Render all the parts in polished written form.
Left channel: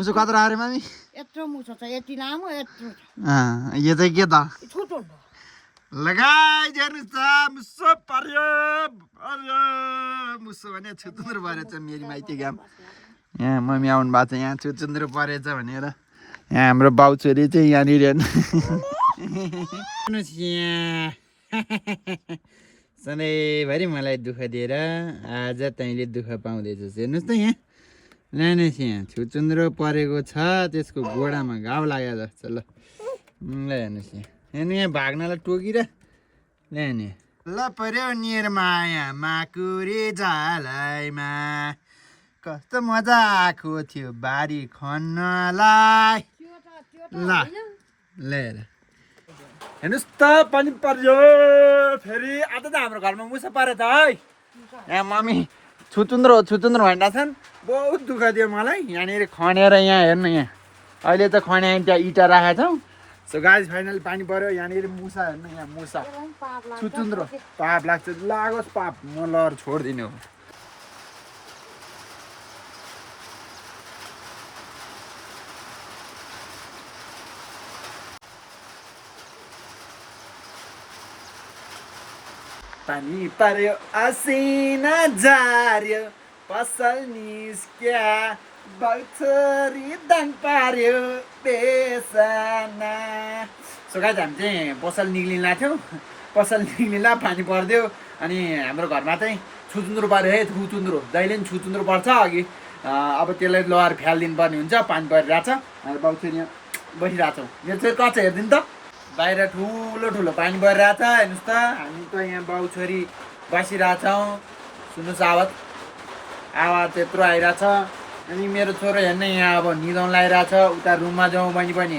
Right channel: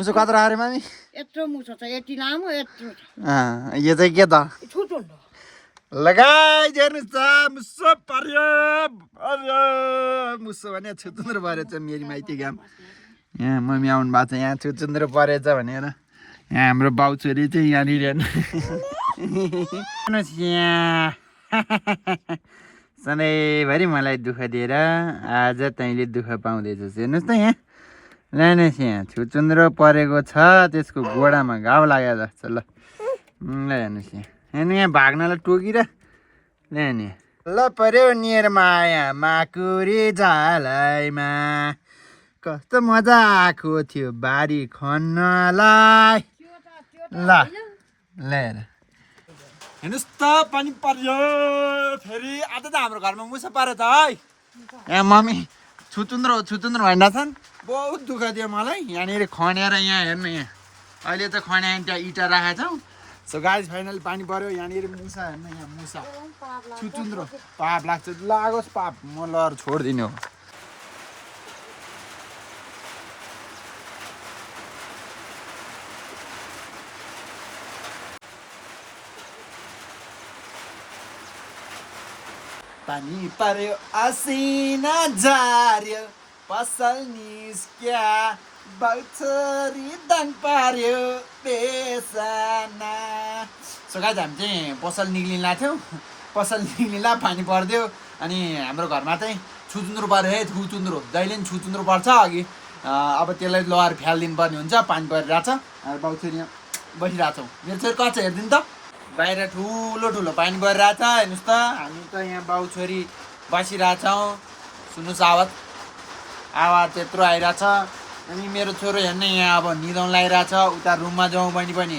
मुसो कत्रो आयो मामी यत्रो मुसो छ यति लामो यत्रो छ यो चाहिँ के त छोटो लगाइ हेर्नुहोस् त मुसो पर्यो मुसो भने छुचुन्द्रो परेछ मेरो माइती गाम यहाँ मम्मी आउनु भएको छ यहाँ छुचुन्द्रो परेछ भनेर यहाँ हाम्रो बाउ छोरी चाहिँ यहाँनिर हेर्नुहोस् यहाँ सधैँभरि मलाई दुःख दिएर आज तैँले दुःख पाउँदैछस् हेर्नुहोस् त यहाँ लानुहोस् यहाँ छुचुन्द्रो परेको छ त्यसको गोडामा घाउ लाग्यो जस्तो ल हेर्नुहोस् यहाँ हेर्नु यहाँ भाग्नलाई टोकिर ल्याउने ल पर्यो नियर माया माकुरी झालैमा कस्तो मजा आएको थियो बारी खन्नलाई ल हेर हेर्नुहोस् त पनि पर्यो फेरि आज त हाम्रो घरमा मुसा परेछ है यहाँ मम्मी छुचुन्द्रो भएन छन् बहुत दुःख दियो मलाई यहाँनिर खनेर यहाँ हेर्नु यहाँ अहिले त खने त्यहाँ इँटा राखेको छौँ सो गाइस फाइनली पानी पर्यो यहाँनिर मुसा हेर्नु यहाँ मुसा छुचुन्द्रो पाप लाग्छ लागोस् पाप म लहर छोडिदिनु हो पानी पर्यो असिना झार्यो पसल निस्क्या बाउछोरी दाङ पार्यो बेसना सो गाइस हामी चाहिँ पसल निक्लिँला थियौँ पसल निक्लिँला पानी परिदियो अनि हाम्रो घरमा चाहिँ छुचुन्द्रो पर्यो है छुचुन्द्रो जहिले पनि छुचुन्द्रो पर्छ अघि अब त्यसलाई लहर फ्यालिदिनु पर्ने हुन्छ पानी परिरहेछ हामी बाउछोरी यहाँ बसिरहेको छौँ मेरो चाहिँ कच्छ हेरिदिनु त बाहिर ठुलो ठुलो पानी परिरहेछ हेर्नुहोस् त हामी त यहाँ बाउ छोरी बसिरहेछौँ सुन्नुहोस् आवाज त्यत्रो आइरहेछ अनि मेरो छोरो हेर्ने यहाँ अब निदाउनु लगाइरहेछ उता रुममा जाउँ भने पनि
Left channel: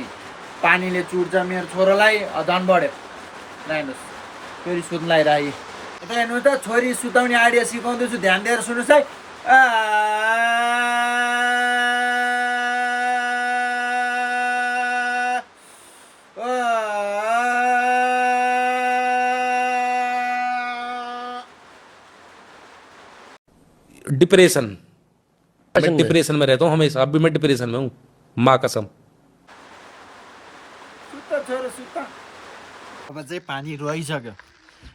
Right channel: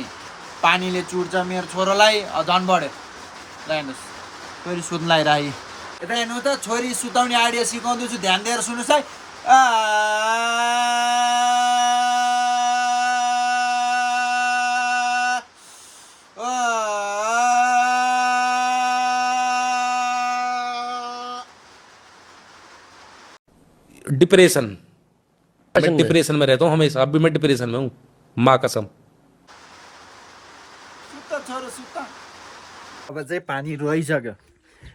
पानीले चुट्छ मेरो छोरोलाई झन् बढ्यो ल हेर्नुहोस् छोरी सुत्नु लगाइरहे यता हेर्नुहोस् त छोरी सुताउने आइडिया सिकाउँदैछु ध्यान दिएर सुन्नुहोस् है डिप्रेशन मैं डिप्रेशन में रहता हूँ हमेशा अब भी मैं डिप्रेशन में हूँ माँ कसम अब चाहिँ पानी रोइसक्यो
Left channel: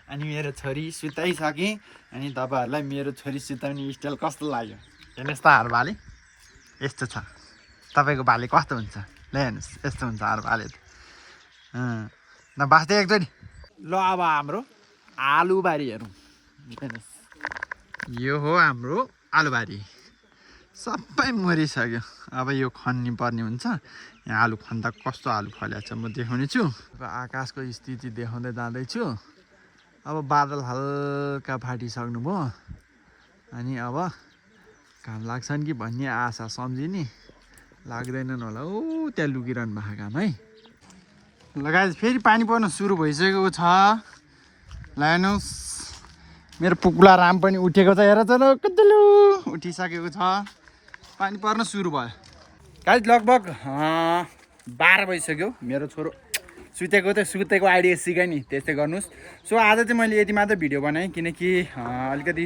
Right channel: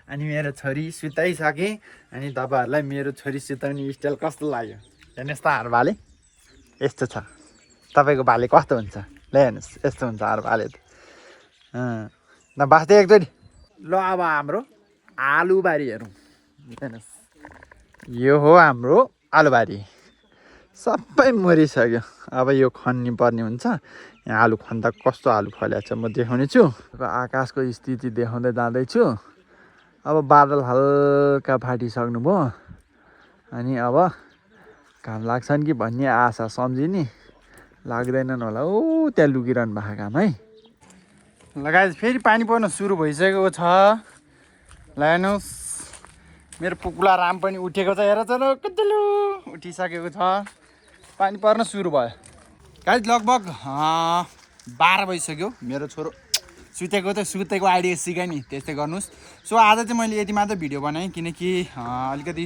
अनि मेरो छोरी सुताइसकेँ अनि तपाईँहरूलाई मेरो छोरी सुताउने स्टाइल कस्तो लाग्यो हेर्नुहोस् त हार भाले यस्तो छ तपाईँको भाले कस्तो हुन्छ ल हेर्नुहोस् यस्तो हुन्छ हार भाले त न बाँच्दै एकचोटि ल अब हाम्रो आलुबारी हेरौँ हेर्नुहोस् यो हो हाम्रो आलुबारी सबै मरिसक्यो अब यो खन्नु पर्ने हुन्छ यहाँ आलु खन्दा कस्तो आलु फलेको छ म देखाउने छु अब आकाशको स्थिति देखाउँदै जाँदैछु अब बादल हल्का फाटिसक्नु भयो अनि अब घाम लाग्छन् कि भन्ने आशा सम्झिने लाग्दैनन् होला ऊ त्यहाँ लुकिरहनु भएको काम है लगाए फेरि पानी पर्न सुरु भइसकेको छ ल हेर्नुहोस् मेरो पुग्ला राम पनि उठेको छ हेर चलो कतिलु उठिसकेको छ पानी पर्न सुरु भयो गाइस लगभग 12 बजिसक्यो मेरो छोरो सुतेको आइडिया सिकाएँ नि त्यस्तै गर्नुहोस् सो आज चाहिँ मैले यति मात्र भिडियो बनाएँ किनकि अलिकति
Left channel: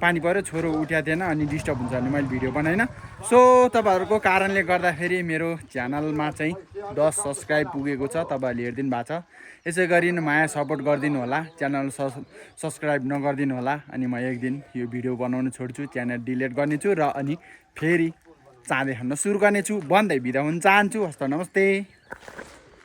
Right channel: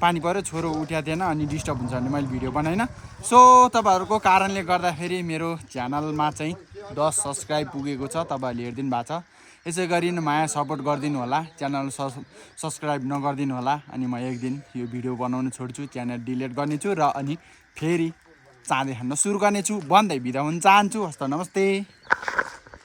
पानी पऱ्यो छोरो उठ्या थिएन अनि डिस्टर्ब हुन्छ भने मैले भिडियो बनाइनँ सो तपाईँहरूको कारणले गर्दाखेरि मेरो च्यानलमा चाहिँ 10 सब्सक्राइब पुगेको छ तपाईँहरूले हेरिदिनु भएको छ यसै गरी माया सपोर्ट गरिदिनु होला च्यानल सब्सक्राइब नगरिदिनु होला अनि म एक दिन यो भिडियो बनाउन छोड्छु च्यानल डिलिट गर्नेछु र अनि फेरि चाँडै खान सुरु गर्नेछु भन्दै बिदा हुन चाहन्छु हस्त नमस्ते।